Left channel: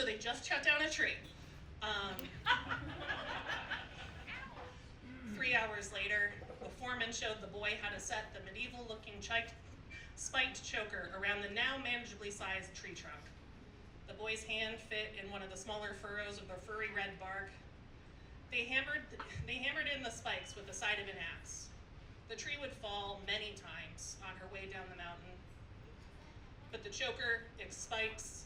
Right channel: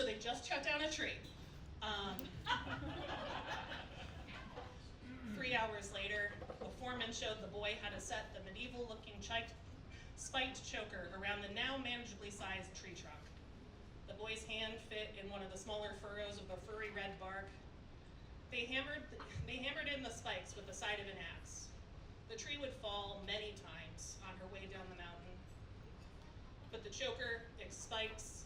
So they just cut down a tree. 3 hours later, the foreman showed the boy how to set the medieval-looking spiked choker around the now manageably sized tree trunk. The boy's hand fit in one of the smaller furrows of the furry red bark. They hammered in the spikes with the side of an axe. The tree would fall many times on her way down the mountain, but the choker, its spikes,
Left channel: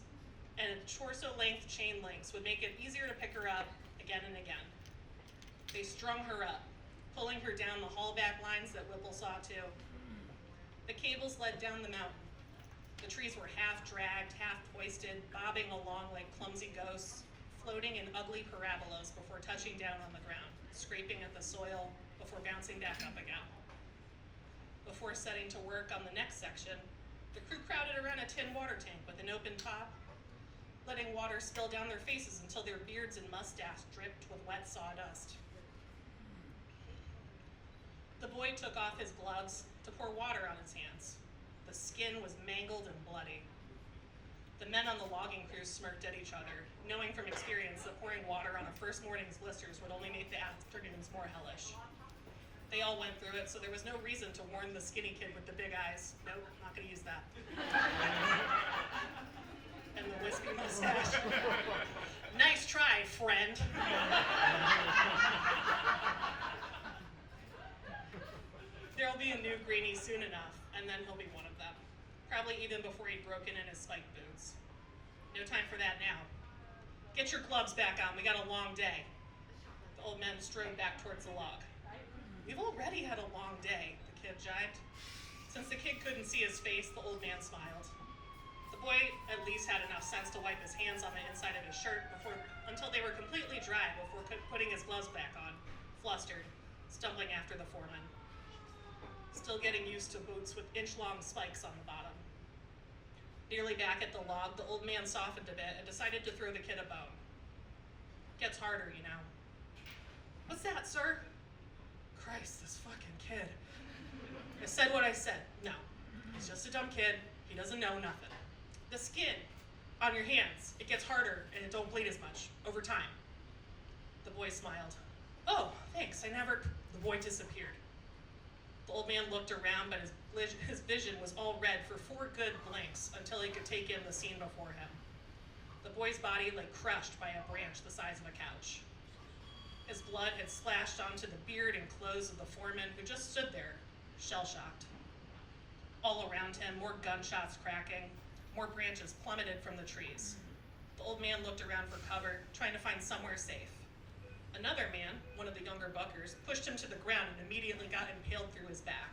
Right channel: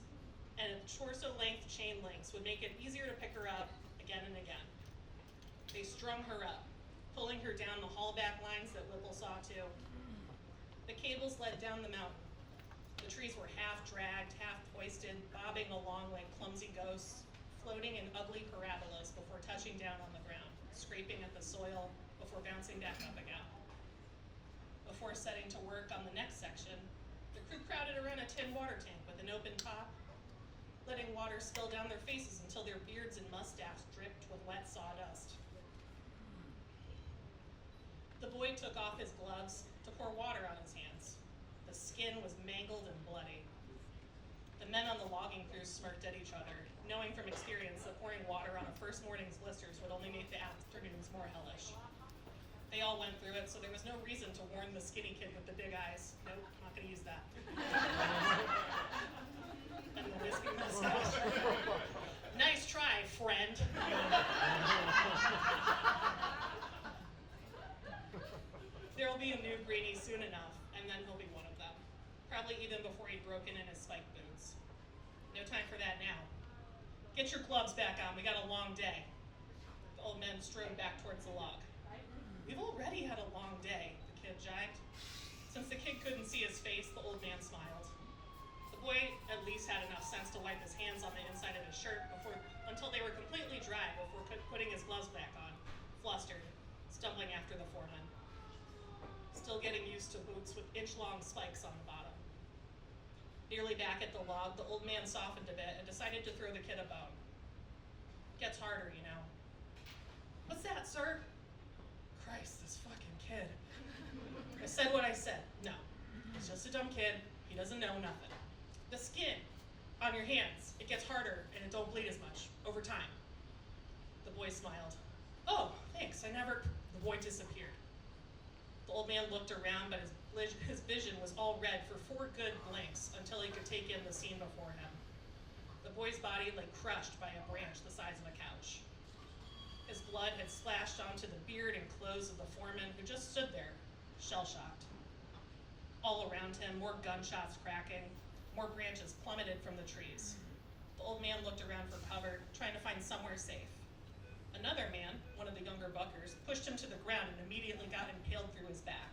and torso-length chain links would make it easier to pick her up again and again. They strung her up, pulling her down the haulback lines that Whipple saw too. The cables led down the mountain. The trees were half dragged, half hoisted, bobbing along like clumsy ghosts, floating in ugly parabolas before touching down on the ground, scraping at the soil before bouncing back up again. Before setting to work on the next section, the crew crowded around a tin water tank with an open top, letting water spill down their faces until their beards and mustaches dripped with wet sawdust. The boy took off his gloves to pour water on his hands. The skin was mangled and bloody. The men on the logging crew smirked at each other, knowing from experience that pouring water on a first morning's blisters would only make the afternoons more hellish. They all went through it, so there was no reason to warn the skinny kid with the big eyes. Nope, not gonna use that. And the wispy mustache. Nice try, friend. There'll be a new greenie soon enough, and then he'll be one of them. Probably even before he'd broken in his spike boots. No time for that now. Get your gloves back on, we got a long day. The old man strode back towards the log. We've already had a long day, the kid jibed. Since the kid couldn't see his face, the old man smiled. The boy at least had enough sense to wipe his hands on the inside of his shirt until they were completely dry before putting his gloves back on, flustered, stumbling after the foreman. Still getting used to boots with inch-long spikes on the bottom. Nearly back at the log, the old man softened a bit and decided to throw the kid a bone. Gets harder, you know. What's that, sir? Christ, this fucking kid. I said what I said. No, he's just a dumb kid. He doesn't know nothing. The skin on your hands, it gets harder and it don't bleed as much over time. The boy smiled. Oh, thanks, The boy disappeared. The old man looked around, but his vision was all red for 4 good blinks until he could take in the scene before him. The boy's body lay crushed by a branch the size of a couch. His blood had splashed onto the beard and clothes of the foreman, who just stood there, shell-shocked. All around him, more gunshots cracking, more branches plummeted from the trees. The old man looked around for cover, trying to find somewhere safe. Another man, one of the younger buckers, pushed him to the ground and immediately got impaled through his back.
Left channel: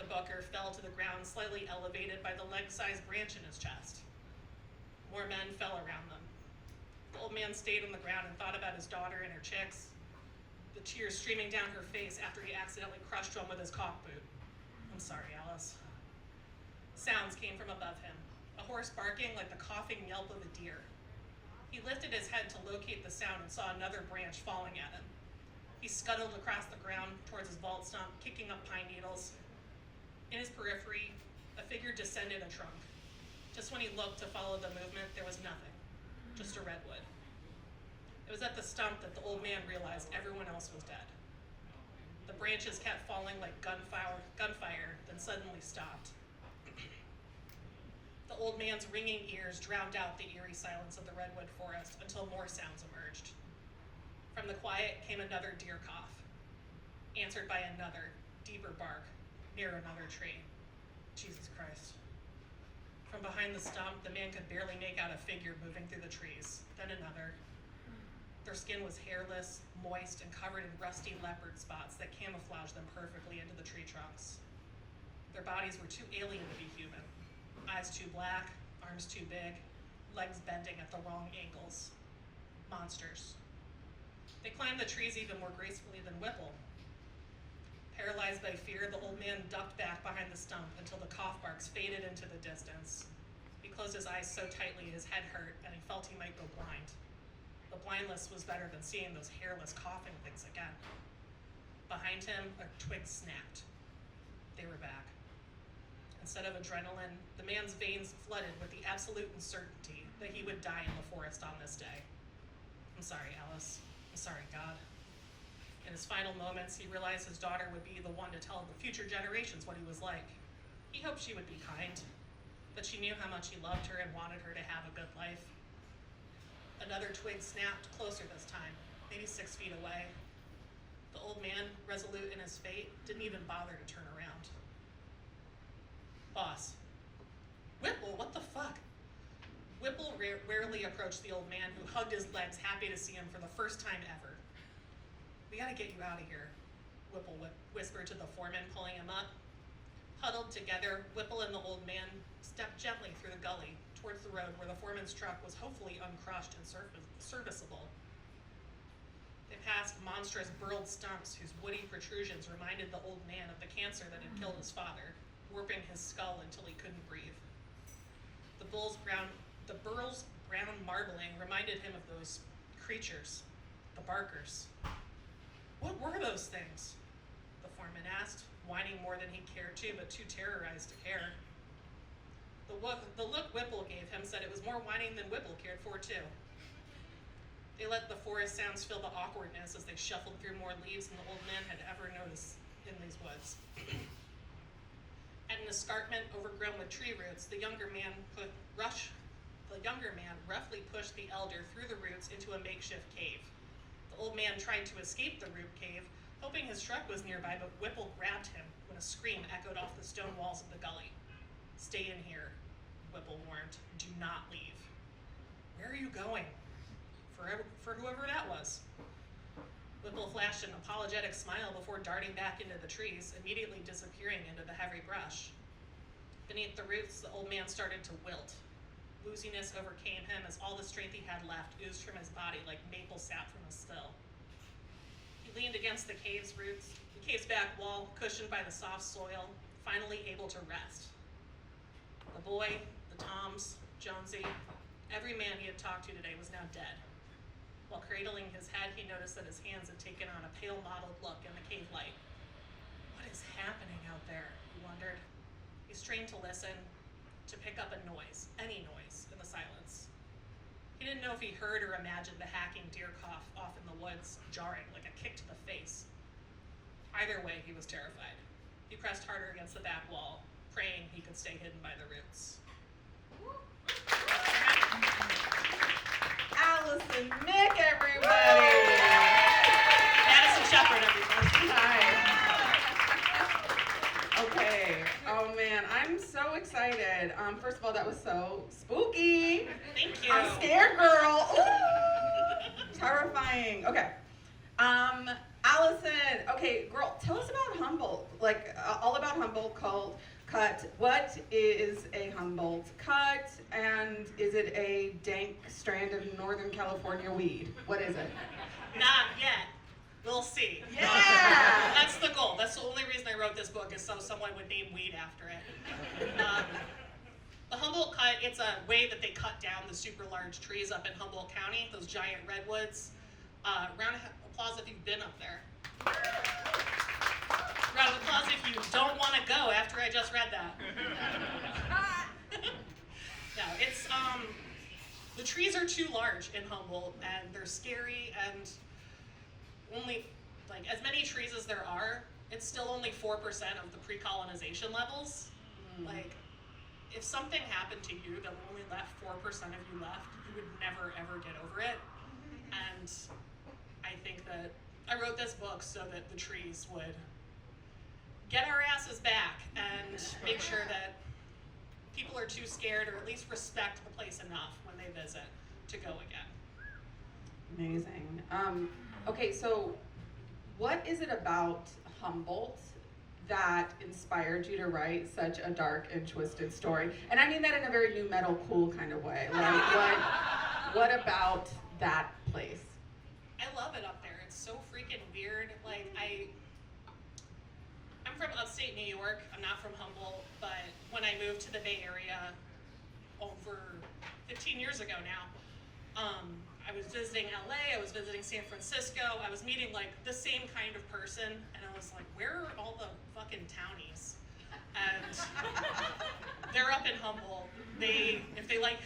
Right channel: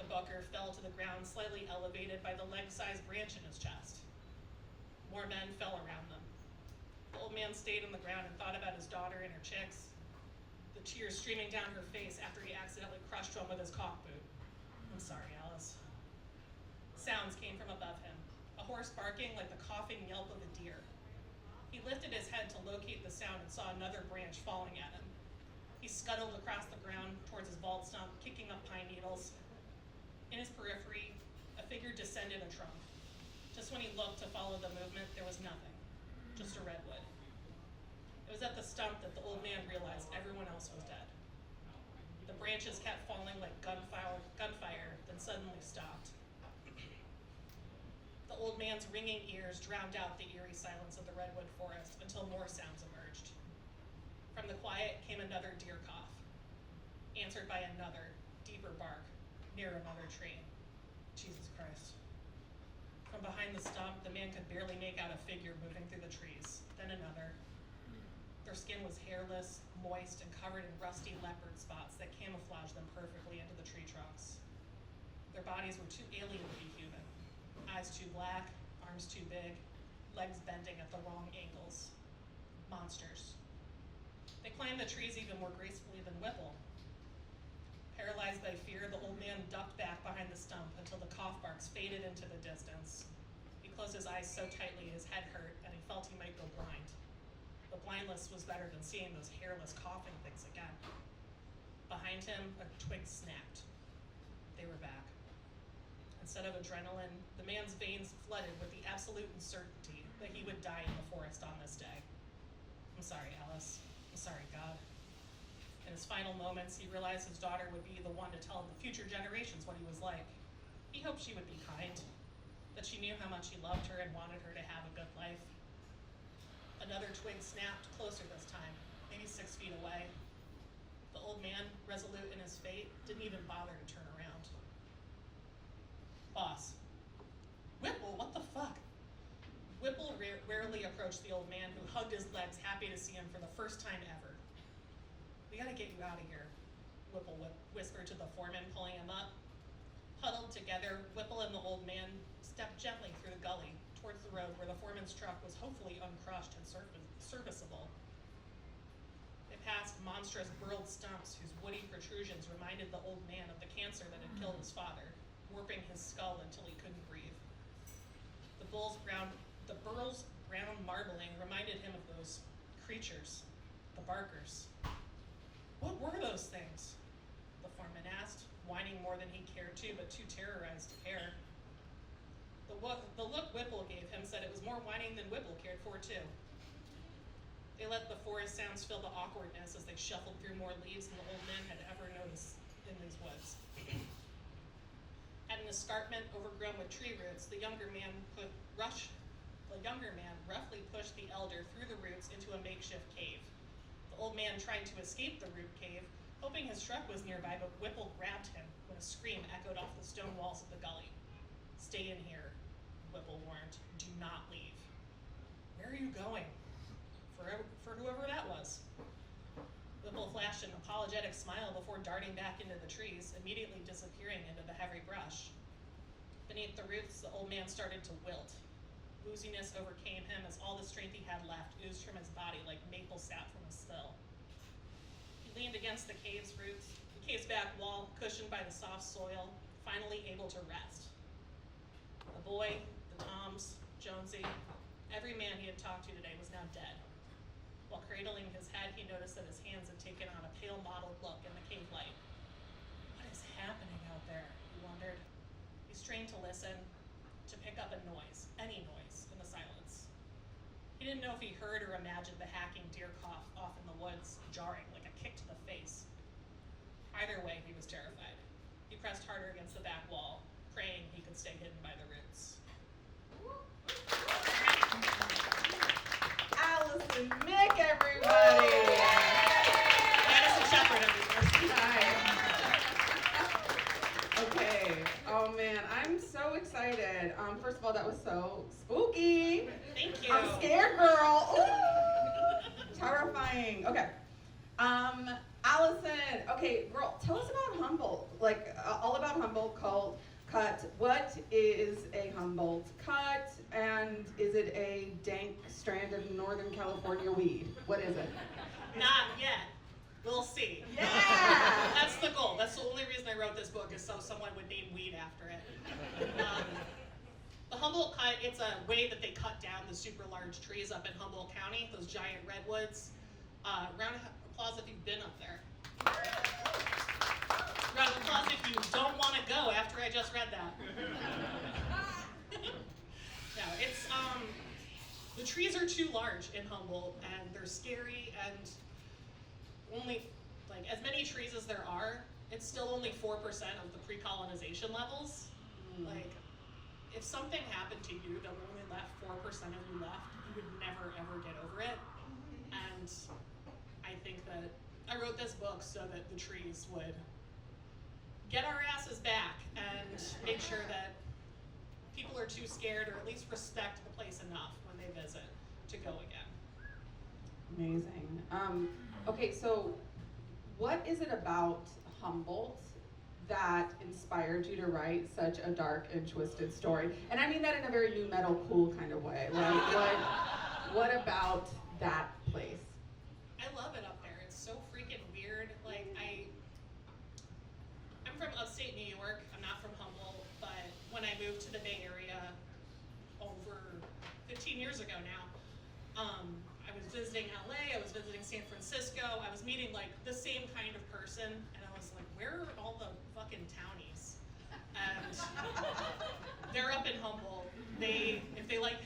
The bucker fell to the ground, slightly elevated by the leg-sized branch in his chest. More men fell around them. The old man stayed on the ground and thought about his daughter and her chicks, the tears streaming down her face after he accidentally crushed one with his caulk boot. I'm sorry, Alice. Sounds came from above him, a horse barking like the coughing yelp of a deer. He lifted his head to locate the sound and saw another branch falling at him. He scuttled across the ground towards his vault stump, kicking up pine needles. In his periphery, a figure descended a trunk. Just when he looked to follow the movement, there was nothing, just a redwood. It was at the stump that the old man realized everyone else was dead. The branches kept falling like gunfire, then suddenly stopped. The old man's ringing ears drowned out the eerie silence of the redwood forest until more sounds emerged. From the quiet came another deer cough, answered by another, deeper bark, near another tree. Jesus Christ. From behind the stump, the man could barely make out a figure moving through the trees, then another. Their skin was hairless, moist, and covered in rusty leopard spots that camouflaged them perfectly into the tree trunks. Their bodies were too alien to be human. Eyes too black, arms too big, legs bending at the wrong angles. Monsters. They climbed the trees even more gracefully than Whipple. Paralyzed by fear, the old man ducked back behind the stump until the cough barks faded into the distance. He closed his eyes so tightly his head hurt and he felt he might go blind. But blindness was better than seeing those hairless coughing things again. Behind him, a twig snapped. They were back. Instead of adrenaline, the man's veins flooded with the absolute certainty that he would die in the forest on this day. I'm sorry, Alice. I'm sorry, God. In his final moments, he realized his daughter would be the one to tell the future generations what he was like. He hoped she would be kind, that she knew how much he loved her and wanted her to have a good life. Another twig snapped closer this time, maybe 6 feet away. The old man, resolute in his fate, didn't even bother to turn around. Boss. Whipple, what the fuck? Whipple rarely approached the old man, who hugged his legs, happy to see him for the first time ever. We gotta get you out of here, Whipple whispered to the foreman, pulling him up. Huddled together, Whipple and the old man stepped gently through the gully towards the road where the foreman's truck was hopefully uncrushed and serviceable. They passed monstrous burled stumps whose woody protrusions reminded the old man of the cancer that had killed his father, warping his skull until he couldn't breathe. The burl's brown marbling reminded him of those creatures, the barkers. What were those things? The foreman asked, whining more than he cared to, but too terrorized to care. The look Whipple gave him said it was more whining than Whipple cared for, too. They let the forest sounds fill the awkwardness as they shuffled through more leaves than the old man had ever noticed in these woods. At an escarpment overgrown with tree roots, the younger man roughly pushed the elder through the roots into a makeshift cave. The old man tried to escape the root cave, hoping his truck was nearby, but Whipple grabbed him when a scream echoed off the stone walls of the gully. Stay in here, Whipple warned. Do not leave. Where are you going? For whoever that was. Whipple flashed an apologetic smile before darting back into the trees, immediately disappearing into the heavy brush. Beneath the roots, the old man started to wilt. Wooziness overcame him as all the strength he had left oozed from his body like maple sap from a still. He leaned against the cave's back wall, cushioned by the soft soil, finally able to rest. The boy, the Toms, Jonesy, every man he had talked to today was now dead. While cradling his head, he noticed that his hands had taken on a pale mottled look in the cave light. What is happening out there, he wondered. He strained to listen, to pick up a noise, any noise, in the silence. He didn't know if he heard or imagined the hacking deer cough off in the woods, jarring like a kick to the face. Either way, he was terrified. He pressed harder against the back wall, praying he could stay hidden by the roots. Allison, Mick, everybody! Madison, Shepard, everybody. Hi. Okay. Oh man, I'm so excited. First of all, that was so spooky. Thank you. I'm scared, girl. Ooh, terrifying. Okay. Allison. Okay, girl, tell us about Humboldt. Like all about Humboldt Cut. What is a Humboldt Cut, and is it a dank strand of Northern California weed? What is it? Not yet. We'll see. Yeah! That's the goal. That's the only reason I wrote this book, is so someone would name weed after it. The Humboldt Cut, it's a way that they cut down the super large trees up in Humboldt County, those giant redwoods. Round of applause if you've been up there. Round of applause if you don't want to go after I just read that. No, it's, the trees are too large in Humboldt, and they're scary, and only, like, as many trees as there are, it's still only 4% of the pre-colonization levels. Like, if something happened to you that only left 4% of you left, you would never, ever get over it. And I think that I wrote this book so that the trees would get our asses back and make sure that people are too scared, or at least respect the place enough when they visit, to go again. Amazing. Okay, so what is it about Humboldt that inspired you to write such a dark and twisted story? And I mean that in a very new metal, cool kind of way. Like, what about that place? I love it up there. It's so freaking weird. Like, I'm from upstate New York. I'm not from Humboldt, but when I moved to the Bay Area over 15 years ago now, I was visiting LA, I was visiting San Francisco, I was meeting like the same kind of person, and I was like, where are all the fucking townies? and they're up in Humboldt. If they like,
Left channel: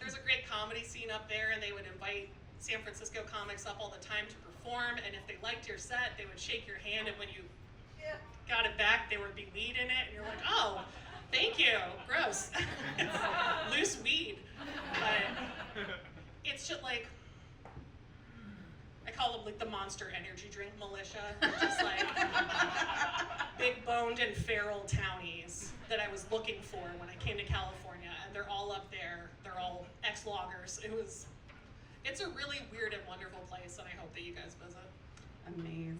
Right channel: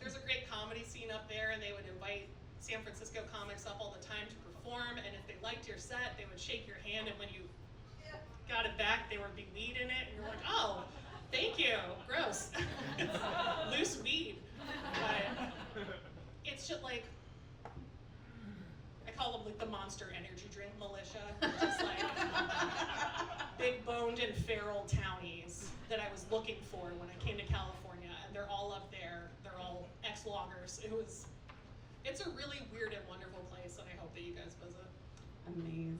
there's a great comedy scene up there, and they would invite San Francisco comics up all the time to perform, and if they liked your set, they would shake your hand, and when you got it back, there would be weed in it, and you're like, oh, thank you, gross. Loose weed. But it's just like, I call them like the Monster energy drink militia. They're just like big boned and feral townies that I was looking for when I came to California, and they're all up there. They're all ex-loggers. It's a really weird and wonderful place, and I hope that you guys visit. Amazing.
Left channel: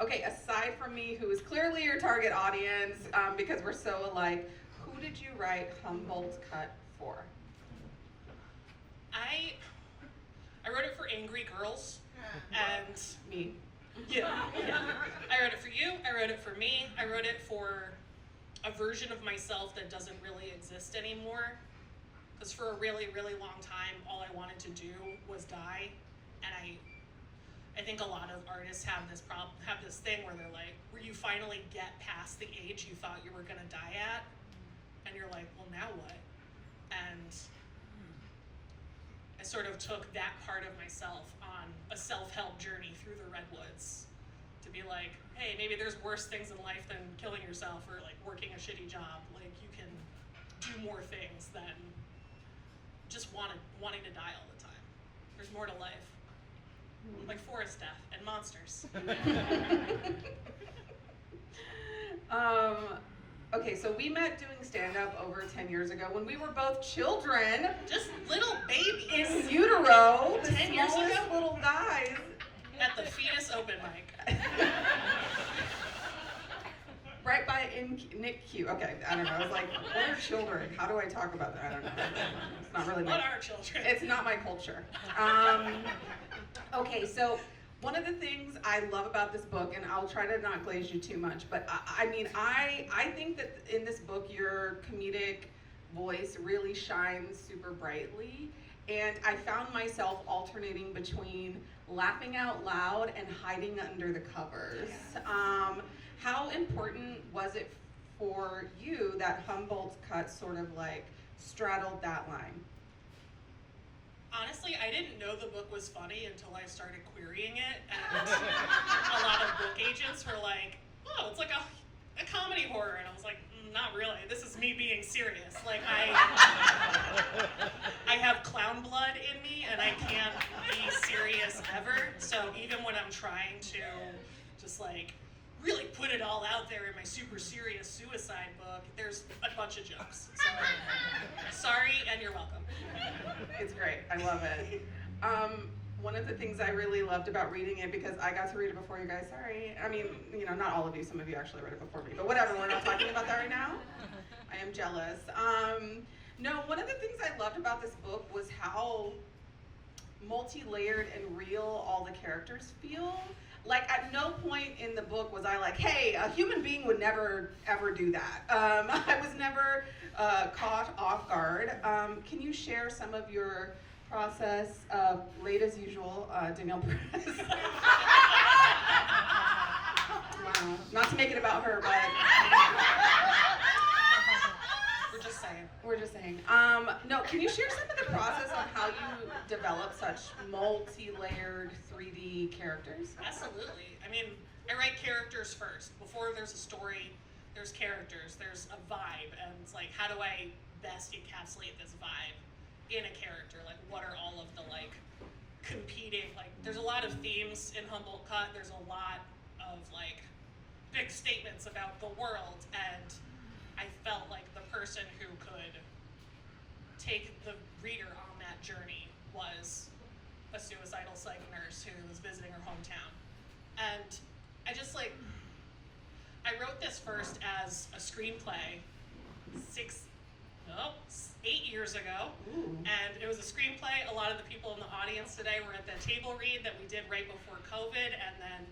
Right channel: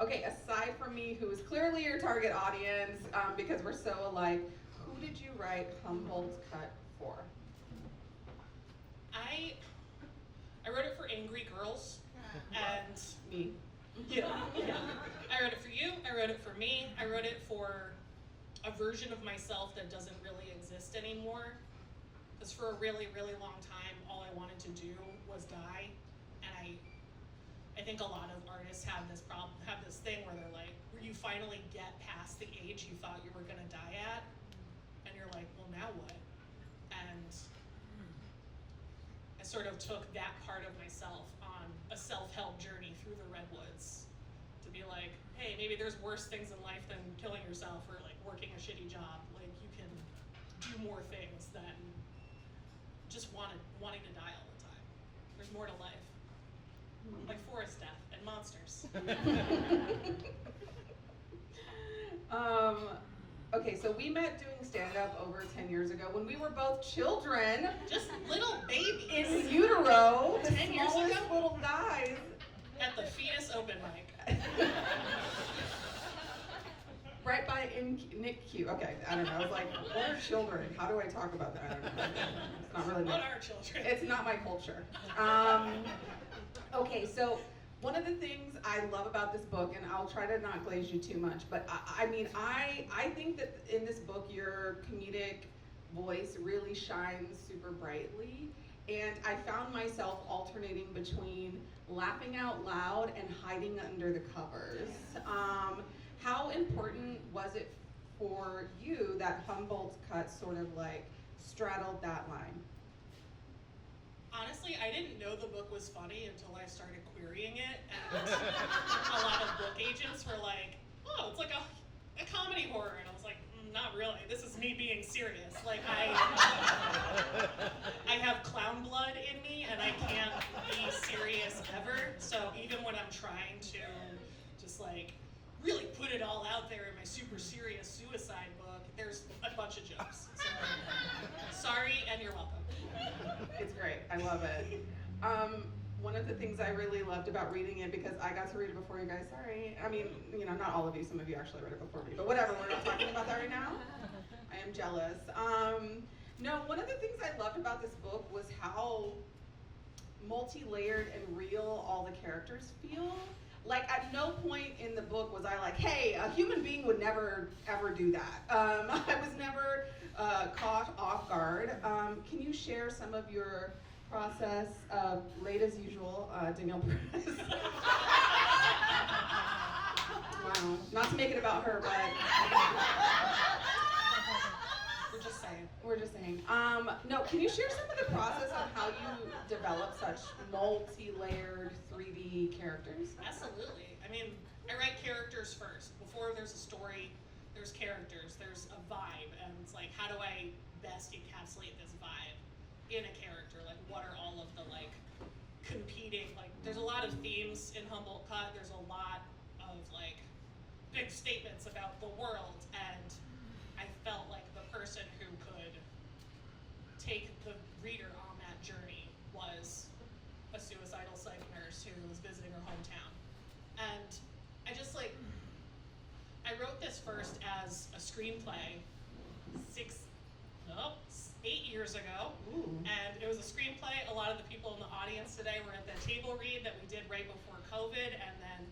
Okay, aside from me, who is clearly your target audience, because we're so alike, who did you write Humboldt Cut for? I wrote it for angry girls, and Me. yeah. I wrote it for you, I wrote it for me, I wrote it for a version of myself that doesn't really exist anymore. Because for a really, really long time, all I wanted to do was die, and I think a lot of artists have this thing where they're like, where you finally get past the age you thought you were gonna die at, and you're like, well, now what? And I sort of took that part of myself on a self-help journey through the redwoods to be like, hey, maybe there's worse things in life than killing yourself or like working a shitty job. Like, you can do more things than just wanting to die all the time. There's more to life. Like forest death and monsters. Okay, so we met doing stand-up over 10 years ago when we were both children. Just little babies. In utero. 10 years smallest ago? Little guys. At the fetus open mic. Right by Nick Q. Okay, I don't know. I was like, what are children? How do I talk about that? I don't know. It's not really What are children? It's not my culture. Okay, so one of the things I love about this book, and I'll try to not glaze you too much, but I think that in this book your comedic voice really shines super brightly, and I found myself alternating between laughing out loud and hiding under the covers. How important was it for you that Humboldt Cut sort of like straddled that line? Honestly, I didn't know the book was funny until I started querying it, and a lot of book agents were like, oh, it's like a comedy horror, and I was like, not really, this is me being serious. Like, I have clown blood in me, and I can't be serious ever, so even when I'm trying to just like really put it all out there in my super serious suicide book, there's a bunch of jokes. So, sorry, and you're welcome. It's great. I love it. One of the things I really loved about reading it, because I got to read it before you guys, sorry. I mean, you know, not all of you, some of you actually read it before me, but whatever, we're not talking about that right now. I am jealous. No, one of the things I loved about this book was how multi-layered and real all the characters feel. Like, at no point in the book was I like, hey, a human being would never, ever do that. I was never caught off guard. Can you share some of your process, late as usual, Danielle Perez? Wow. Not to make it about her, but... We're just saying. No, can you share some of the process of how you develop such multi-layered 3D characters? Absolutely. I mean, I write characters first. Before there's a story, there's characters, there's a vibe, and it's like, how do I best encapsulate this vibe in a character? Like, what are all of the, like, competing, like, there's a lot of themes in Humboldt Cut, there's a lot of, like, big statements about the world, and I felt like the person who could take the reader on that journey was a suicidal psych nurse who was visiting her hometown. And I just like, I wrote this first as a screenplay 8 years ago. Ooh. And it was a screenplay. A lot of the people in the audience today were at the table read that we did right before COVID, and then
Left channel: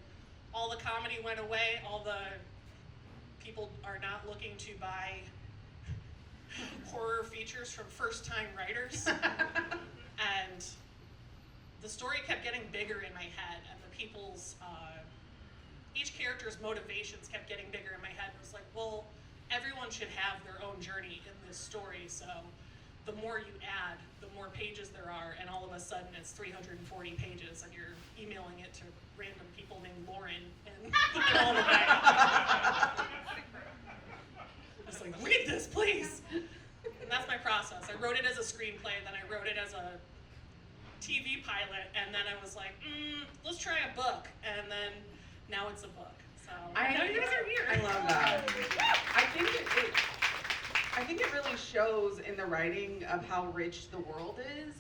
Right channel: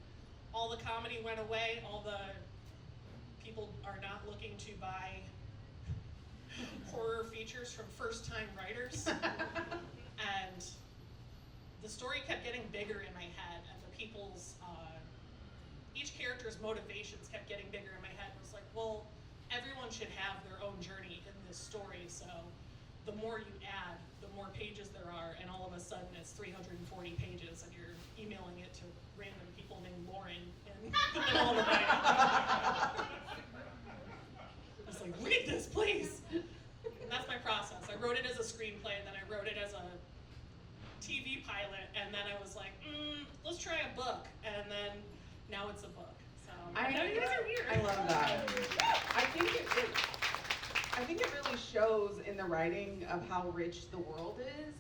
all the comedy went away. All the people are not looking to buy horror features from first-time writers. And the story kept getting bigger in my head, and the people's each character's motivations kept getting bigger in my head. It was like, well, everyone should have their own journey in this story, so the more you add, the more pages there are, and all of a sudden it's 340 pages, and you're emailing it to random people named Lauren in the middle of the night. It's like, read this, please! And that's my process. I wrote it as a screenplay, then I wrote it as a TV pilot, and then I was like, let's try a book, and then now it's a book. So I know you guys are here. I love that. I think it really shows in the writing of how rich the world is.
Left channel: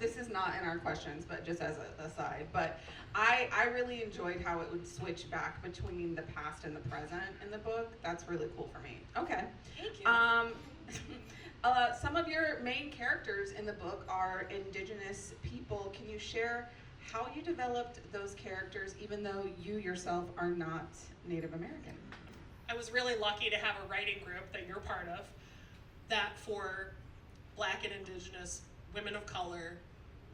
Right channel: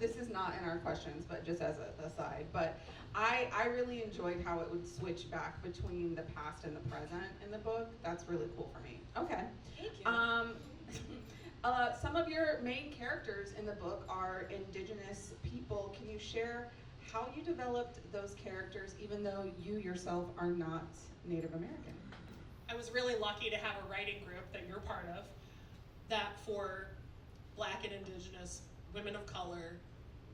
This is not in our questions, but just as an aside, but I really enjoyed how it would switch back between the past and the present in the book. That's really cool for me. Okay. Thank you. Some of your main characters in the book are indigenous people. Can you share how you developed those characters, even though you yourself are not Native American? I was really lucky to have a writing group that you're part of, that for Black and Indigenous women of color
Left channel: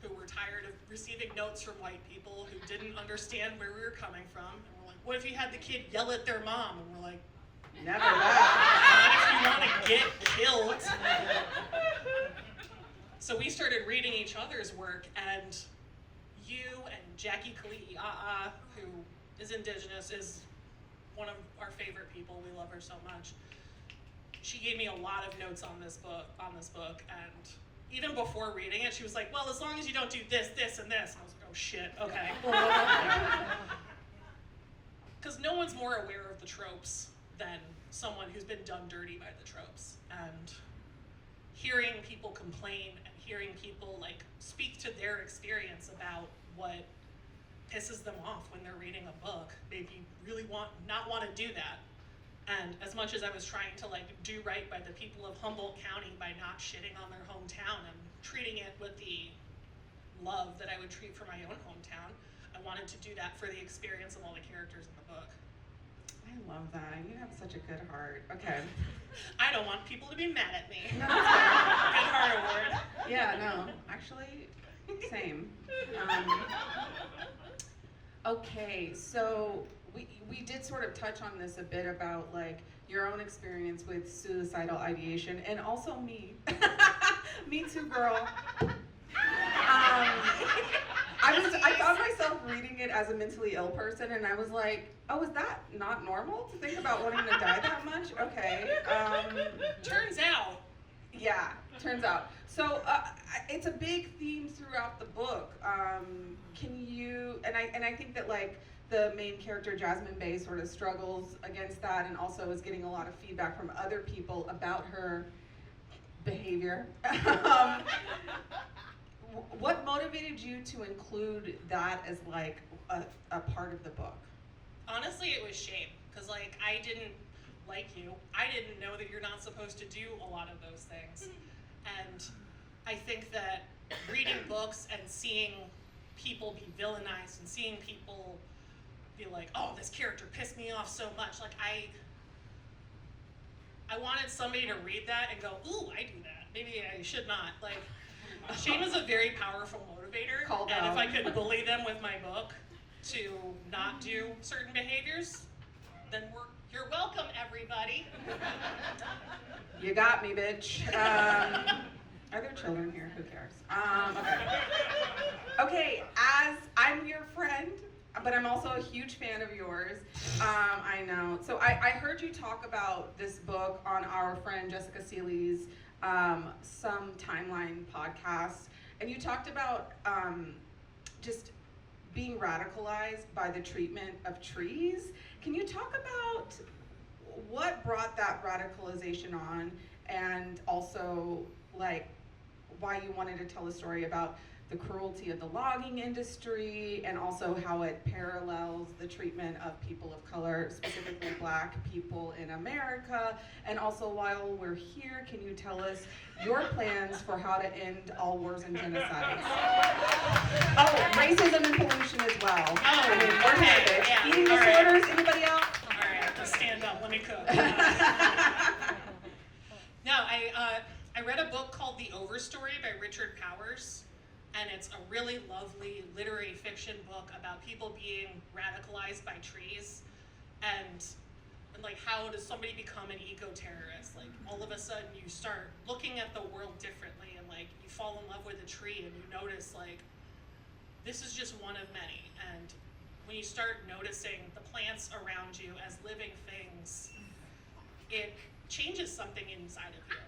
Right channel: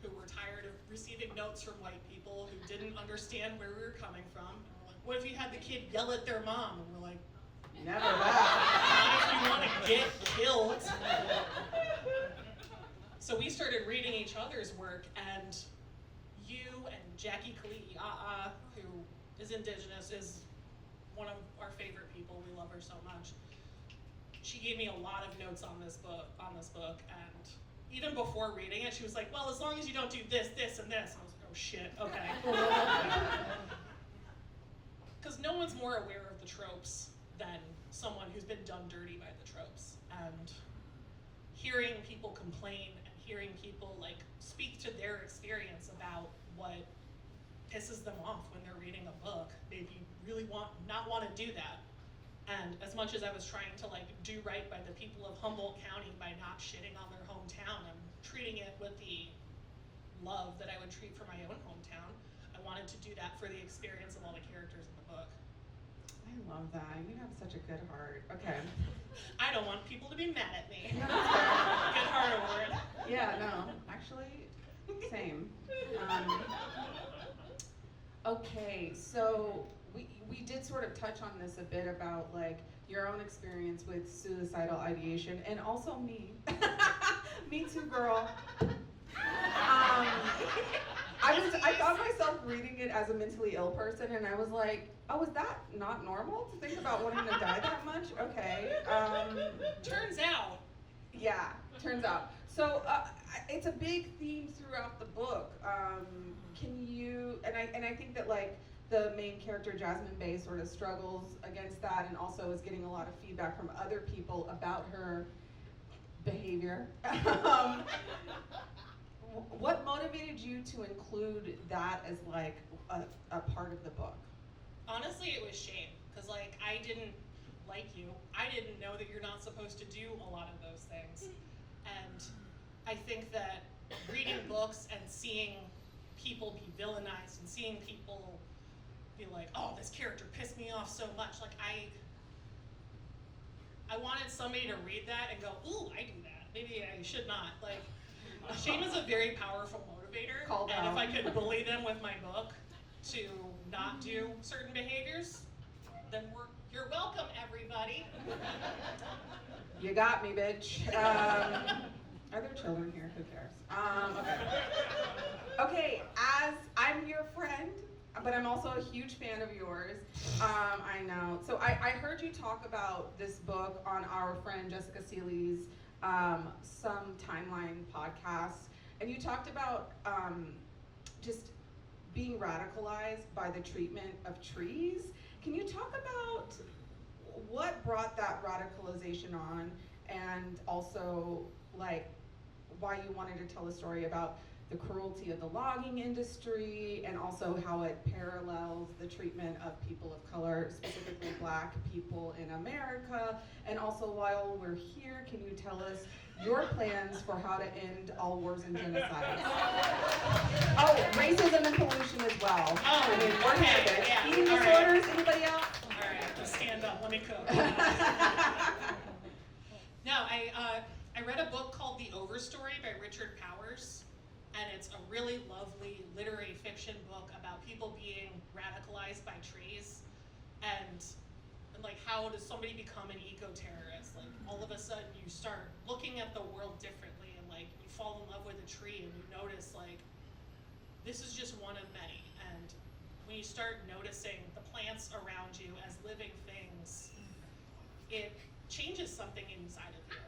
who were tired of receiving notes from white people who didn't understand where we were coming from. And we're like, what if you had the kid yell at their mom? And we're like, never that. not if you want to get killed. So we started reading each other's work, and you and Jackie Kali'i, who is Indigenous, is one of our favorite people. We love her so much. She gave me a lot of notes on this book, and even before reading it, she was like, well, as long as you don't do this, this, and this. And I was like, oh shit, okay. Because no one's more aware of the tropes than someone who's been done dirty by the tropes. And hearing people complain and hearing people like speak to their experience about what pisses them off when they're reading a book made me really not want to do that. And as much as I was trying to like do right by the people of Humboldt County by not shitting on their hometown and treating it with the love that I would treat for my own hometown, I wanted to do that for the experience of all the characters in the book. I love that. You have such a good heart. Okay. I don't want people to be mad at me. No, that's fair. Good heart award. Yeah, no, actually, same. Okay, so we did sort of touch on this a bit about like your own experience with suicidal ideation, and also me. Me too, girl. I found myself reading it as a mentally ill person, and I was like, oh, is that not normal to think about wanting to die that much? Okay. Turns out. Yeah, turns out. So it's a big theme throughout the book. Can you, and I think that like the main character, Jasmine Bay, sort of struggles against that, and also is getting a lot of feedback from other people about her behavior. What motivated you to include that as like a part of the book? Honestly, it was shame, because like I didn't like you. I didn't know that you're not supposed to do a lot of those things. And I think that reading books and seeing people be villainized and seeing people be like, oh, this character pissed me off so much. Like I wanted somebody to read that and go, ooh, I do that. Maybe I should not. Like, shame is a very powerful motivator. Called and out. if I could bully them with my book to not do certain behaviors, then you're welcome, everybody. You got me, bitch. Are there children here? Who cares? Okay. Okay, as I'm your friend, but I'm also a huge fan of yours. I know. So I heard you talk about this book on our friend Jessica Seeley's Some Timeline podcast, and you talked about just being radicalized by the treatment of trees. Can you talk about what brought that radicalization on, and also like why you wanted to tell a story about the cruelty of the logging industry, and also how it parallels the treatment of people of color, specifically Black people in America? And also, while we're here, can you tell us your plans for how to end all wars and genocides? Oh, racism and pollution as well. Oh, I mean, we're okay, here, bitch. yeah, Eating all right. disorders, anybody else? All right, let's stand up. Let me cook. No, I read a book called The Overstory by Richard Powers, and it's a really lovely literary fiction book about people being radicalized by trees, and like how does somebody become an eco-terrorist? Like all of a sudden you start looking at the world differently, and like you fall in love with a tree and you notice like this is just one of many. And when you start noticing the plants around you as living things, it changes something inside of you.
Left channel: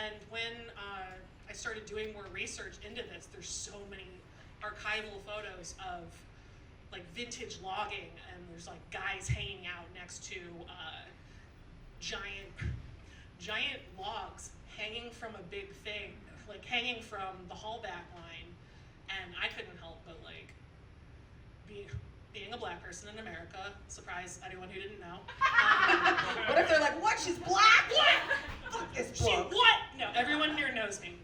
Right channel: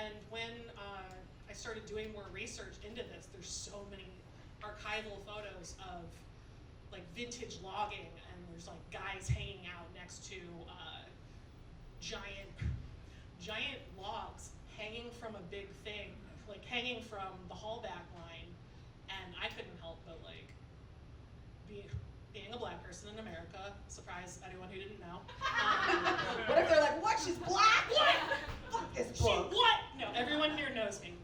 And when I started doing more research into this, there's so many archival photos of like vintage logging, and there's like guys hanging out next to giant logs hanging from a big thing, like hanging from the haulback line, and I couldn't help but like being a black person in America, surprise anyone who didn't know. What if they're like, what? She's black? What? Fuck this book. What? No, everyone here knows me.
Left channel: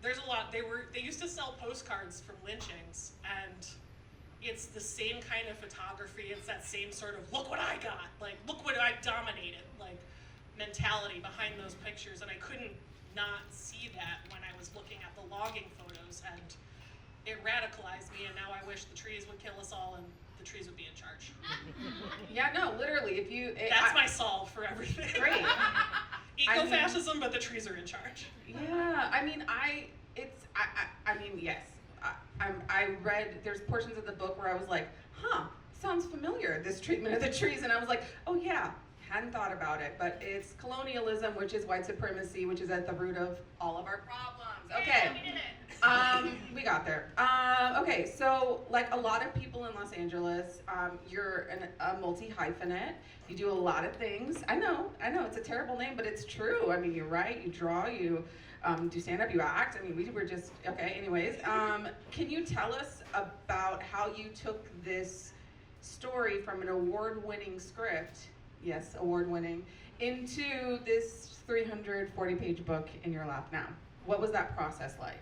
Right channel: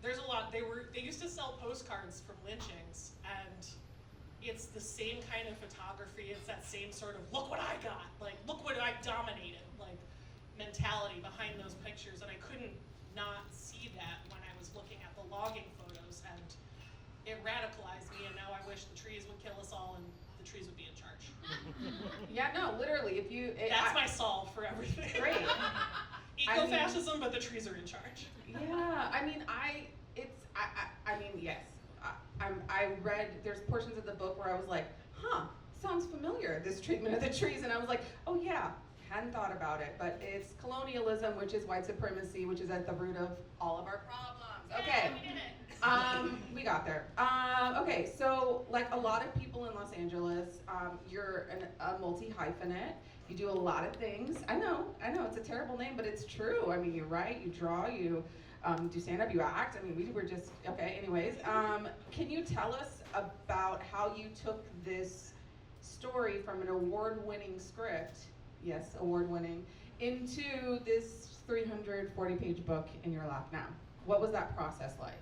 There's a lot. They used to sell postcards from lynchings, and it's the same kind of photography. It's that same sort of look what I got, like look what I dominated, like mentality behind those pictures, and I couldn't not see that when I was looking at the logging photos, and it radicalized me. And now I wish the trees would kill us all, and the trees would be in charge. Yeah, no, literally, if you... That's my solve for everything. Great. Eco-fascism, but the trees are in charge. Yeah, I mean, yes. I read, there's portions of the book where I was like, sounds familiar, this treatment of the trees, and I was like, oh yeah, hadn't thought about it, but it's colonialism, which is white supremacy, which is at the root of all of our problems. Okay. Yeah, we did it. We got there. Okay, so like a lot of people in Los Angeles, you're a multi-hyphenate. You do a lot of things. I know, it's a terrible name, but it's true. I mean, you write, you draw, you do stand-up, you act. I mean, we were just, okay, anyways. Can you tell us about how you took this story from an award-winning script, yes, award-winning, into this 340-page book in your lap now? What was that process like?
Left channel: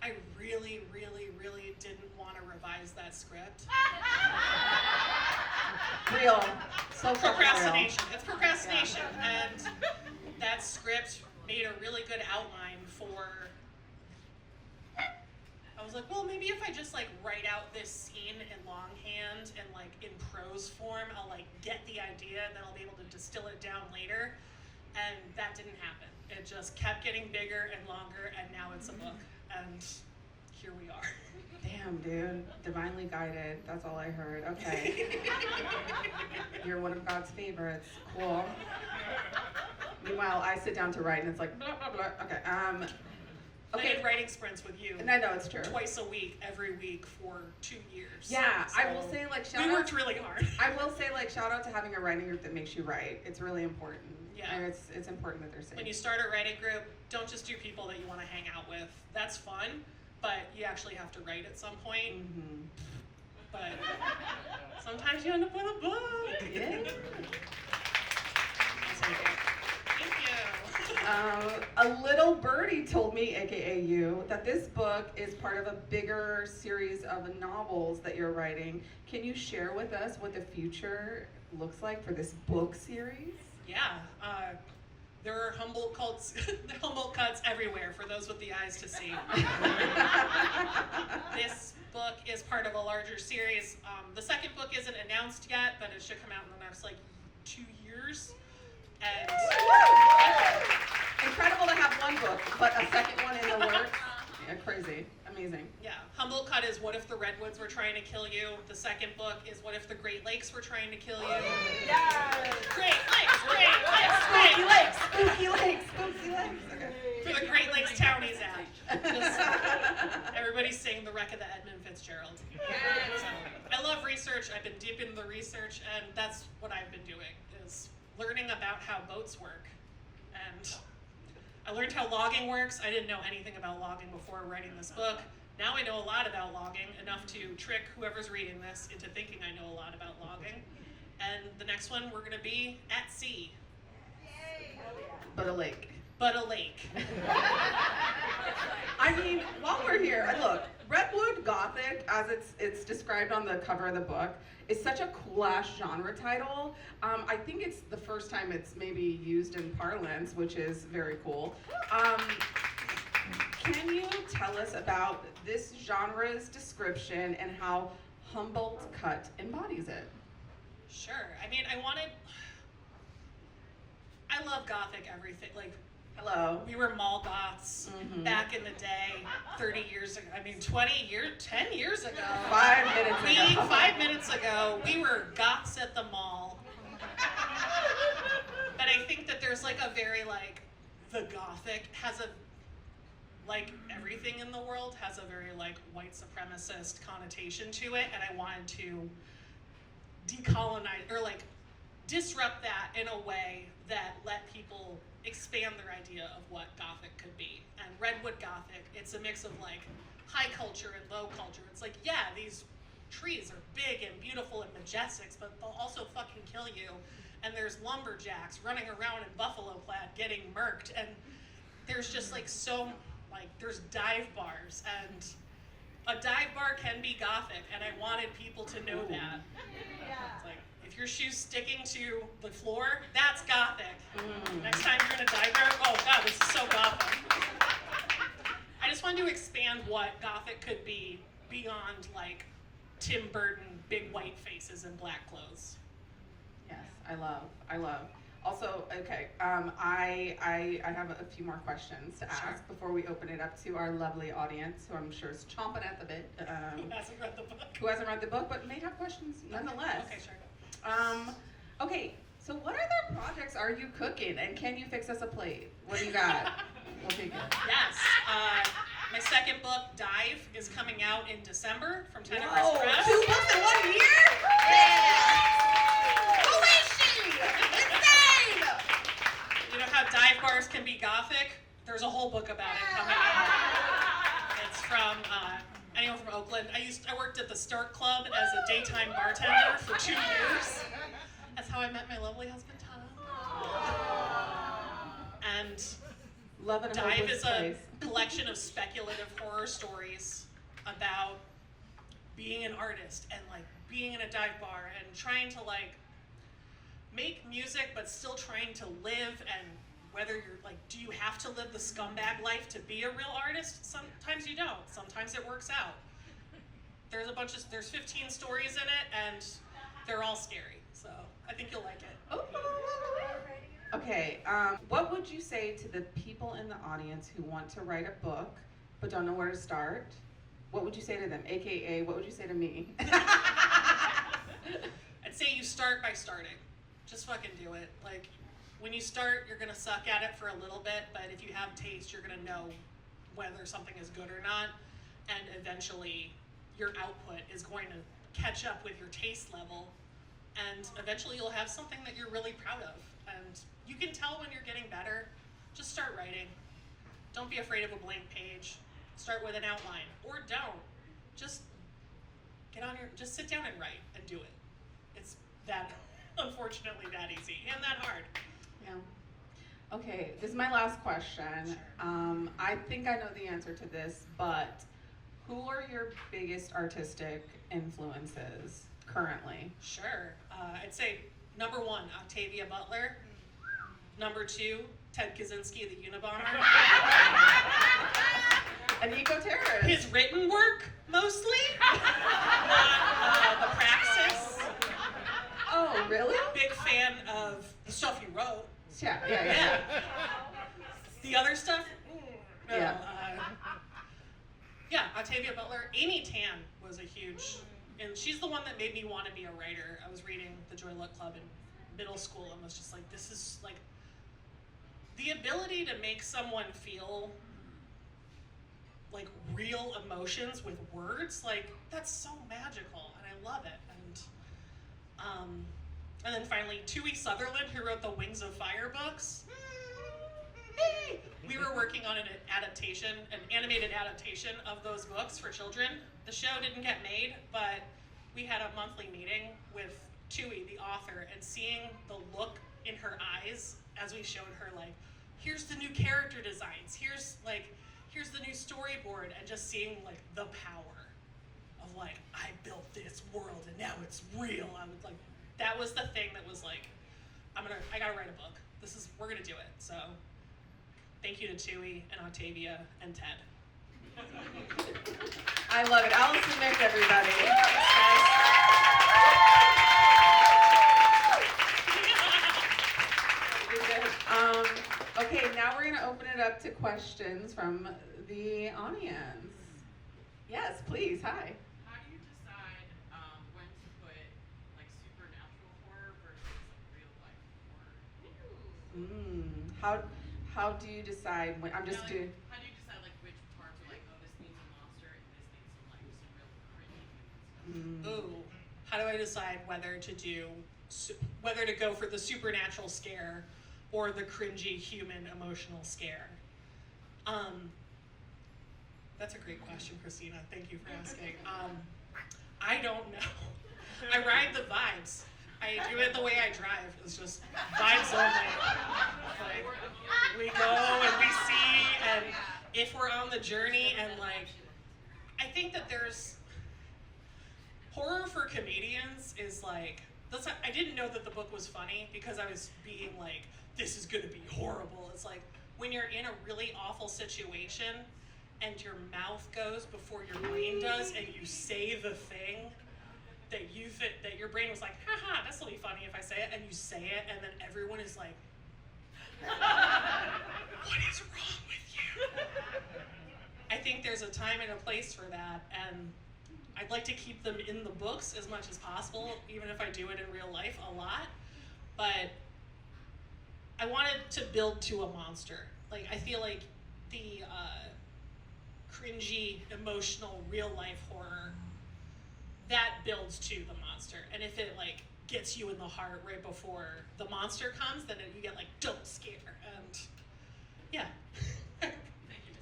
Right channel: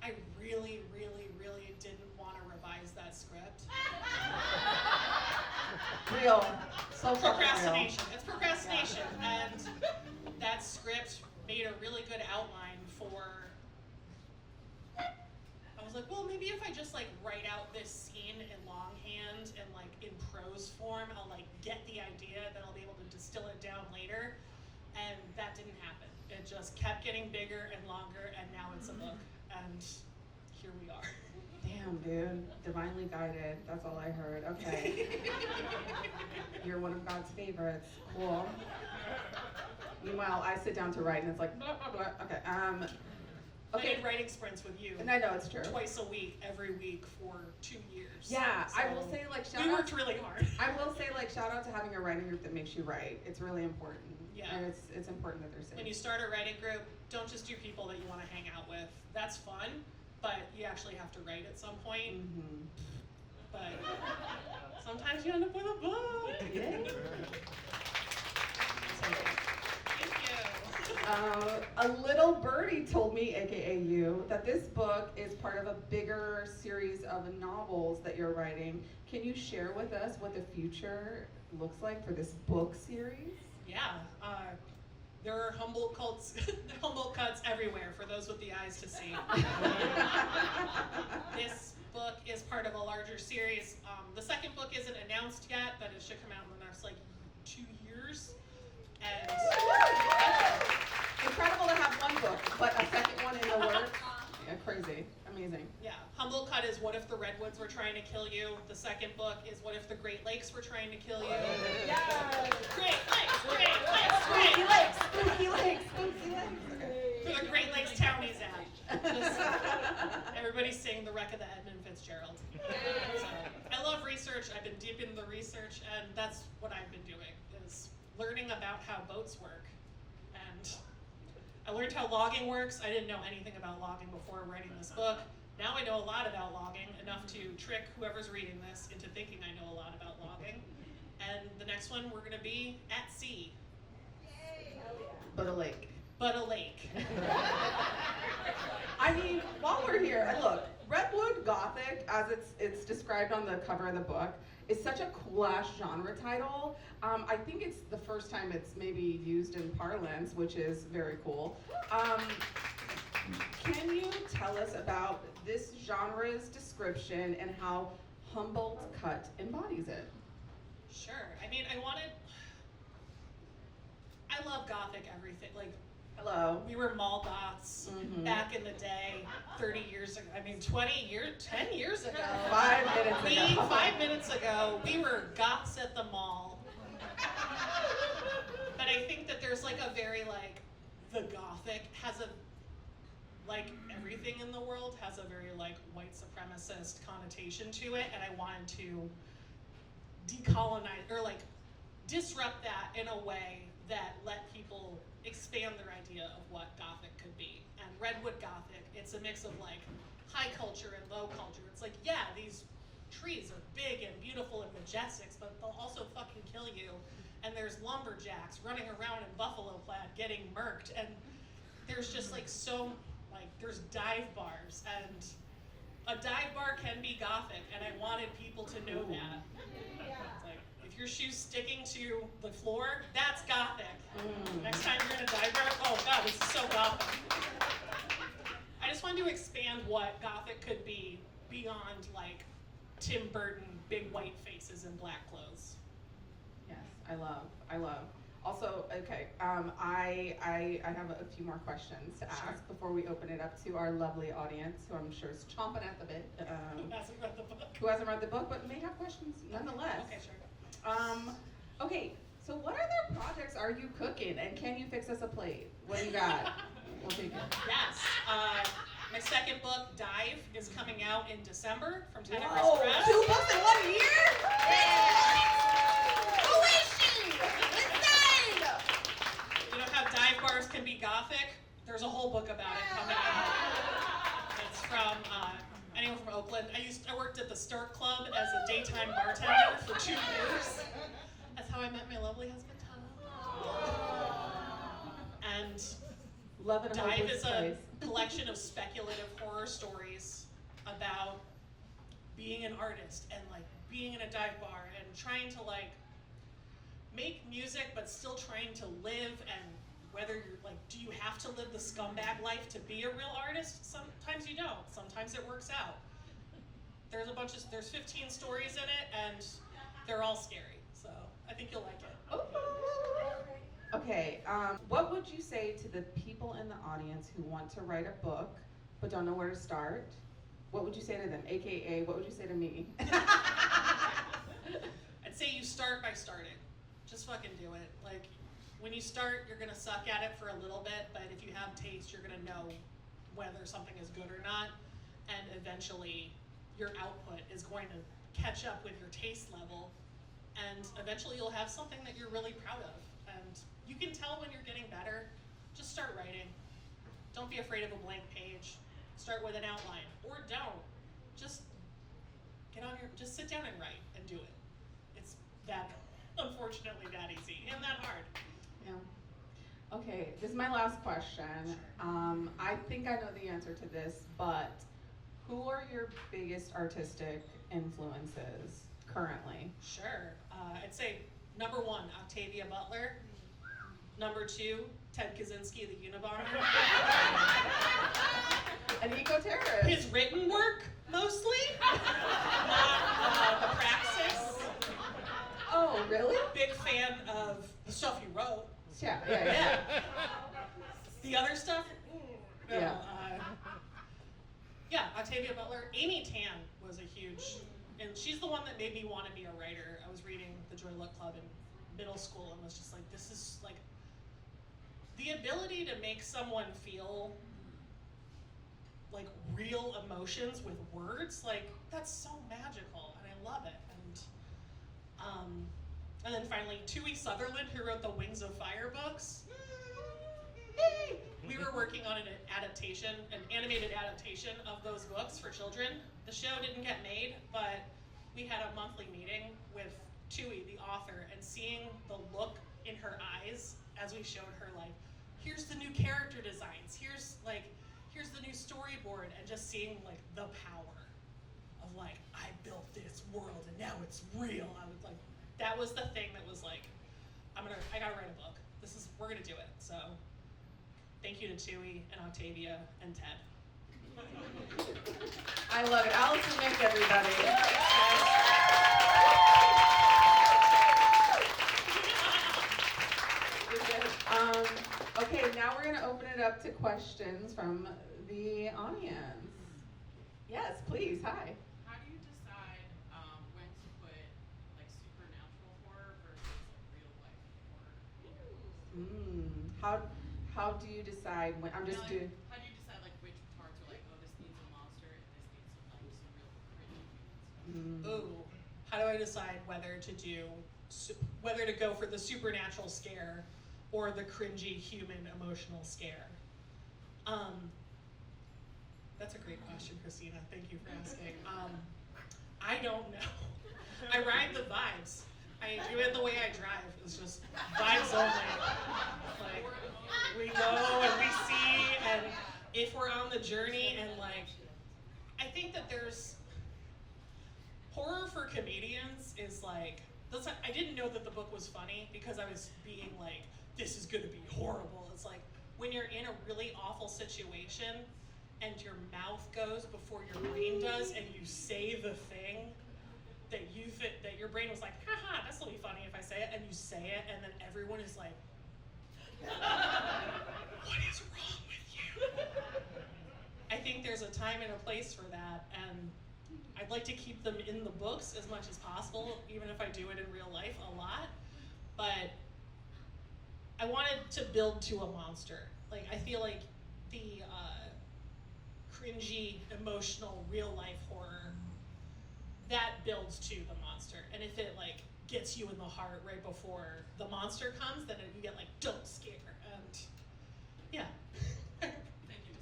I really didn't want to revise that script. Real. So Procrastination. It's procrastination. Yeah. And that script made a really good outline for, I was like, well, maybe if I just like write out this scene in longhand and like in prose form, I'll like get the idea, then I'll be able to distill it down later. And that didn't happen. It just kept getting bigger and longer, and now it's a book. And here we are. Damn, dude. Divinely guided. That's all I heard. Okay. You're one of God's favorites. Cool. Meanwhile, I sit down to write, and it's like, blah, blah, blah. Okay. I did writing sprints with you. And I know it's true. Twice a week, every week for 2 years. Yeah, so I will say, like, we worked really hard. I will say, like, shout out to having a writing group that makes you write. It's really important. Yeah. And it's important that they're safe. When you start a writing group, don't just do people that you want to hang out with. That's fun, but you actually have to write at some point. Mm-hmm. But sometimes you end up with a book. Yeah. Thank you. A little birdie told me, aka you, that this book is part of a bigger series of novels that you're writing. Can you share with us what the future looks like for this book series? Yeah, there are Humboldt cuts everywhere for those with the eyes to see. This book is part of a larger series. The second book isn't announced yet, but it should come out in the next like 2 years. And incredible to have one book, but a second one in the works. Yeah, crazy, amazing. Yeah, Humboldt Cut is What If the Redwoods Were Trying to Kill You? The second book is What If the Great Lakes Were Trying to Kill You? Yeah. Great Lakes, Great Lakes, Spooky lakes, spooky lakes, spooky lakes. Okay. For the Great Lakes Townies Act. Just everybody's saying the wreck of the Edmund Fitzgerald. So, I love research. I've been deep in the research, and that's what I've been doing, is learning about how boats work. And I learned how logging works. I didn't know anything about logging before writing this book. Now I know a lot about logging, enough to trick whoever's reading this into thinking I know a lot about logging. And the next one, we're gonna be at sea. But a lake. But a lake. I mean, while we're here, look, Redwood Gothic, as it's described on the cover of the book, is such a cool-ass genre title. I think it's the first time it's maybe used in parlance, which is very cool. Can you tell us about this genre's description and how Humboldt Cut embodies it? Sure. I mean, I love Gothic everything. Like, hello. We were mall goths back in the day, 30 years ago. I mean, 20 years, 10 years ago. 5 minutes ago. 5 minutes ago, we were goths at the mall. But I think that there's like a very like, the Gothic has a, like everything in the world has a very like white supremacist connotation to it, and I wanted to decolonize or like disrupt that in a way that let people expand their idea of what Gothic could be. And Redwood Gothic, it's a mix of like high culture and low culture. It's like, yeah, these trees are big and beautiful and majestic, but they'll also fucking kill you. And there's lumberjacks running around in buffalo plaid getting murked. And there's just like there's dive bars, and a dive bar can be Gothic, and I wanted people to know that. It's like, if your shoe's sticking to the floor, that's Gothic. Next time you're in a dive bar, oh God, this is so Gothic. I just wanted to expand what Gothic could be beyond like Tim Burton, big white faces and black clothes. Yes, I love. Also, okay, I have a few more questions to ask before we open it up to our lovely audience, who I'm sure is chomping at the bit. Who hasn't read the book? Who hasn't read the book, but may have questions nonetheless. Okay, sure. Okay, so what other projects are you cooking, and can you fix us a plate? What do you got? We'll take it. Yes, my second book, Dive, is coming out in December from Tenebris Press. 2 books in 1 year? Yeah! Who is she? Insane! You know how dive bars can be Gothic? There's a whole book about it coming out. It's from anyone from Oakland. I worked at the Stark Club as a daytime bartender for 2 years. That's how I met my lovely husband, Tana. And Dive is a collection of speculative horror stories about being an artist and like being in a dive bar and trying to like make music but still trying to live, and whether you're like, do you have to live the scumbag life to be a real artist? Sometimes you don't. Sometimes it works out. There's 15 stories in it, and they're all scary. So I think you'll like it. Oh. Okay, what would you say to the people in the audience who want to write a book but don't know where to start? What would you say to them? AKA, what would you say to me? I'd say you start by starting. Just fucking do it. Like, when you start, you're gonna suck at it for a little bit, but if you have taste, you're gonna know whether something is good or not, and eventually your output is going to catch up with your taste level, and eventually you'll have something that you're really proud of. And you can tell when you're getting better. Just start writing. Don't be afraid of a blank page. Start with an outline, or don't. Just sit down and write and do it. It's that, unfortunately, that easy and that hard. Yeah. Okay, this is my last question. I think I know the answer to this, but who are your biggest artistic influences currently? Sure. I'd say number 1, Octavia Butler. Number 2, Ted Kaczynski, the Unabomber. An eco-terrorist. His written work, mostly, not the praxis. Oh, really? Big fan of the stuff he wrote. Yeah. The other stuff? No. Yeah. Yeah, Octavia Butler. Amy Tan was a huge, and she's the one that made me want to be a writer. I was reading the Joy Luck Club in middle school and was just like, this is like, the ability to make someone feel like real emotions with words, like that's so magical, and I love it. And then finally, Tui Sutherland, who wrote the Wings of Fire books. We were working on an animated adaptation of those books for children. The show didn't get made, but we had a monthly meeting with Tui, the author, and seeing the look in her eyes as we showed her, like, here's the new character designs, here's the new story storyboard and just seeing like the power of like, I built this world and now it's real. I was like, that was the thing that was like, I gotta write a book. We're gonna do it. So thank you to Tui and Octavia and Ted. I love it. Allison, Mick, everybody. Okay, now we're going to open it up to questions from the audience. Yes, please. Hi. How do you decide when to put like supernatural horror versus like real life horror? How do you decide when I'm just doing? How do you decide like which parts are like, oh, this needs a monster and this needs some like some real cringe stuff? Ooh, how do I decide whether to go for the supernatural scare or the cringy human emotional scare? That's a great question, Christina. Thank you for asking. I don't know. I ride the vibes. I do it the way I drive. It's just vibes only. Like, we go and we see, and if we're on the journey, and like, I think that there's horror for comedians is like, I didn't know that the book was funny because I was being like, this is gonna be horrible. It's like, when you're in a really awful situation and your mouth goes before your brain does and you say the thing that your brain was like, haha, this will be funny if I say it, and you say it, and then everyone is like, what is wrong with you? I think there's a time and a place for that, and I'd like to keep them in the books as much as possible, even if I do it in real life a lot, but I wanted to build to a monster. Like, I feel like the cringy, emotional, real life horror, that builds to the monster. And if it like gets you in the heart right before the monster comes, then you get like, don't scare. And yeah. Thank you,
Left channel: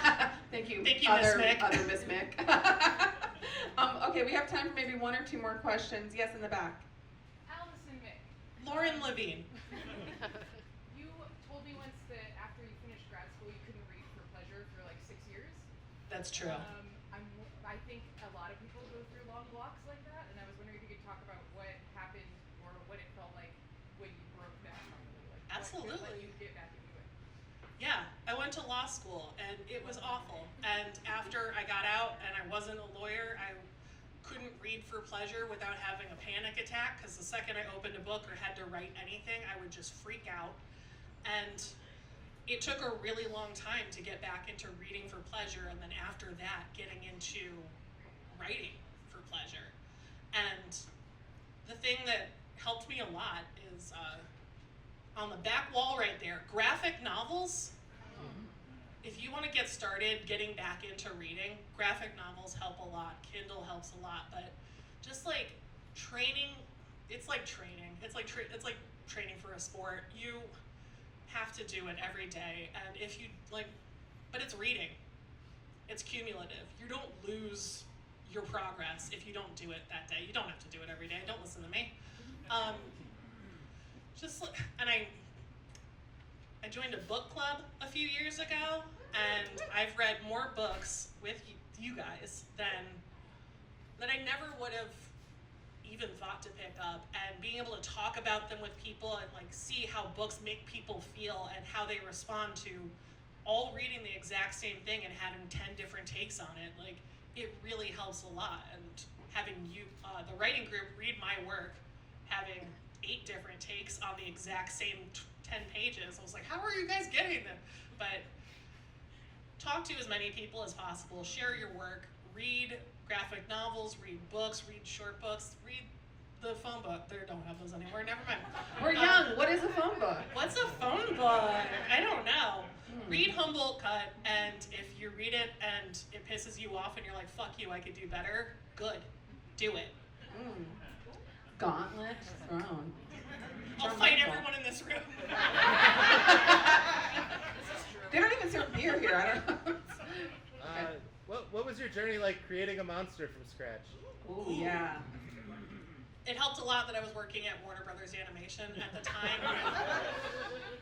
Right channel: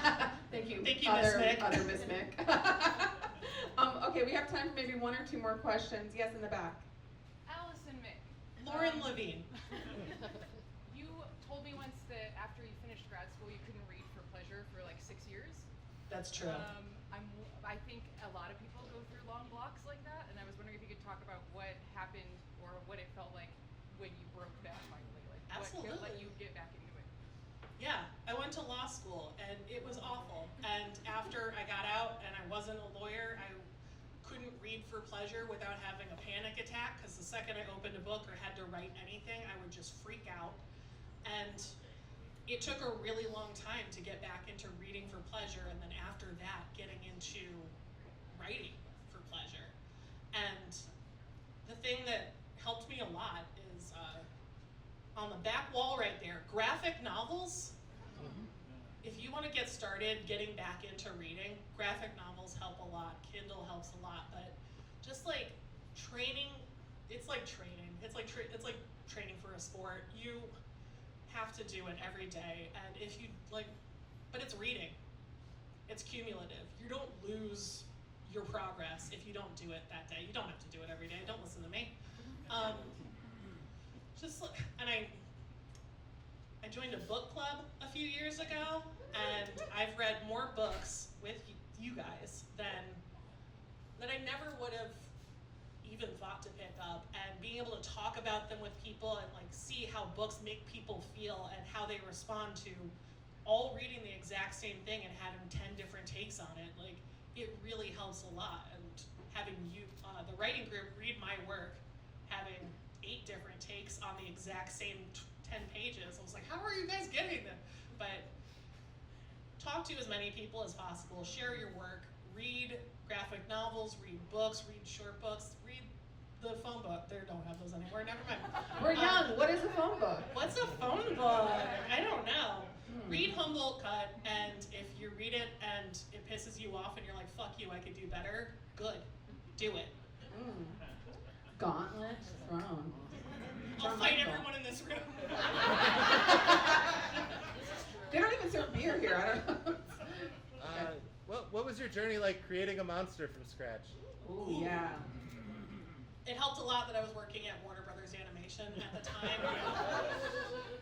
Miss Mick. Thank you. Thank you, Miss Mick. Other Miss Mick. Okay, we have time for maybe one or two more questions. Yes, in the back. Allison, Mick. Lauren Levine. You told me once that after you finished grad school, you couldn't read for pleasure for like 6 years. That's true. I think a lot of people go through long blocks like that, and I was wondering if you could talk about what happened or what it felt like when you broke that finally. Like, Absolutely. What let you get back into it? Yeah, I went to law school and it was awful. And after I got out and I wasn't a lawyer, I couldn't read for pleasure without having a panic attack, because the second I opened a book or had to write anything, I would just freak out. And it took a really long time to get back into reading for pleasure, and then after that, getting into writing for pleasure. And the thing that helped me a lot is on the back wall right there, graphic novels. If you want to get started getting back into reading, graphic novels help a lot, Kindle helps a lot, but just like training, it's like training. It's like training for a sport. You have to do it every day, and if you like, but it's reading. It's cumulative. You don't lose your progress if you don't do it that day. You don't have to do it every day. Don't listen to me. And I joined a book club a few years ago, and I've read more books with you guys than I never would have even thought to pick up, and being able to talk about them with people and like see how books make people feel and how they respond to all reading the exact same thing and having 10 different takes on it, like it really helps a lot. And having you, the writing group, read my work, having 8 different takes on the exact same 10 pages, I was like, how are you guys getting them? But talk to as many people as possible, share your work, read graphic novels, read books, read short books, read the phone book. They don't have those anymore, never mind. We're young. What is a phone book? What's a phone book? I don't know. Read Humboldt Cut, and if you read it and it pisses you off and you're like, fuck you, I could do better, good. Do it. Gauntlet thrown. I'll fight everyone in this room. They don't even serve beer here. I don't know. What was your journey like creating a monster from scratch? Oh yeah. It helped a lot that I was working at Warner Brothers Animation at the time.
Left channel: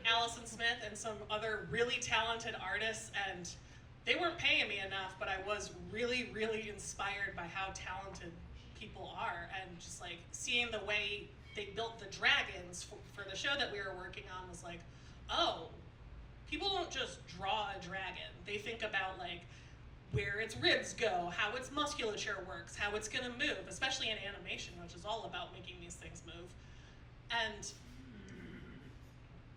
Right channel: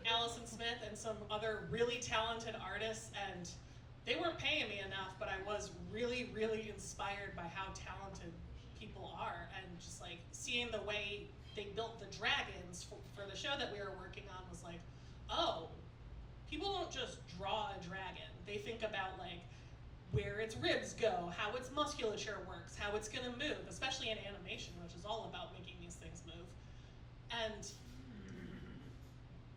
Allison Smith and some other really talented artists, and they weren't paying me enough, but I was really, really inspired by how talented people are, and just like seeing the way they built the dragons for the show that we were working on was like, oh, people don't just draw a dragon. They think about like where its ribs go, how its musculature works, how it's gonna move, especially in animation, which is all about making these things move. And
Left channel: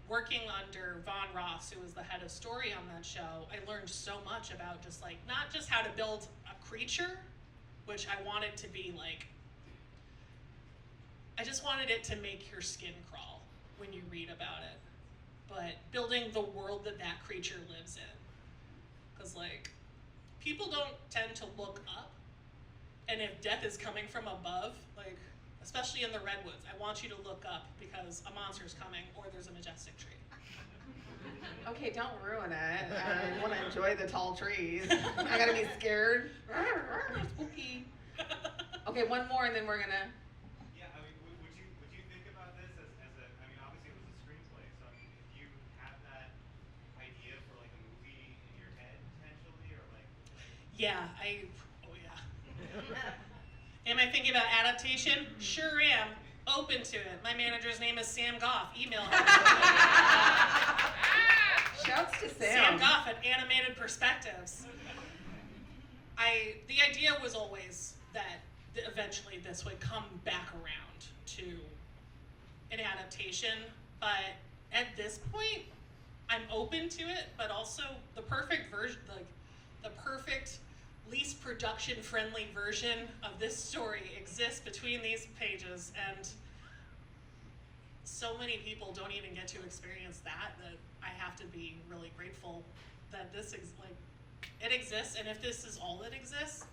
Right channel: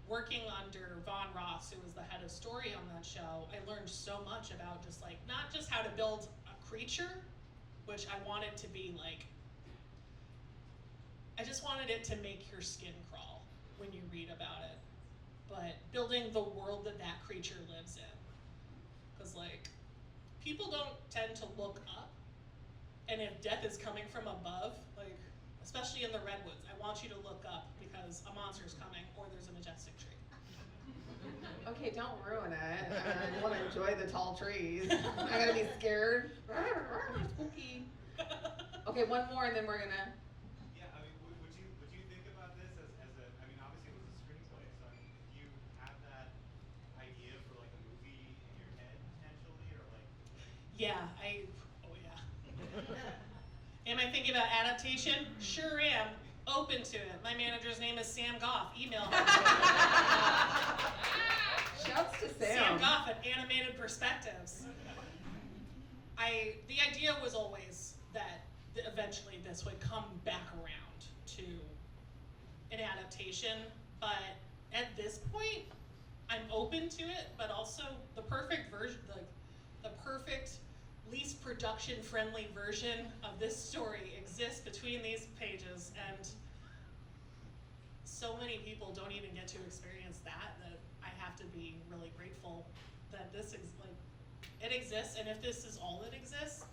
working under Von Ross, who was the head of story on that show, I learned so much about just like, not just how to build a creature, which I wanted to be like, I just wanted it to make your skin crawl when you read about it, but building the world that that creature lives in. Because like, people don't tend to look up, and if death is coming from above, like, especially in the redwoods, I want you to look up because a monster's coming or there's a majestic tree. Okay, don't ruin it. I want to enjoy the tall trees. I gotta be scared. Spooky. Okay, one more and then we're gonna. Yeah, I mean, would you think about this as a, I mean, obviously it was a screenplay, so I mean, if you have that idea for like a movie in your head potentially, or like. Yeah, oh yeah. Am I thinking about adaptation? Sure am. Open to it. My manager's name is Sam Goff. Email him. Shouts to Sam Sam. Goff at Animated Perspectives. The idea was always that eventually this would come back around to an adaptation, but at this point, I'm open to it, but also the perfect version, the perfect, least production-friendly version of this story exists between these pages, and so many people don't even get to experience that I have to be really grateful that this it exists, and if this is all that exists,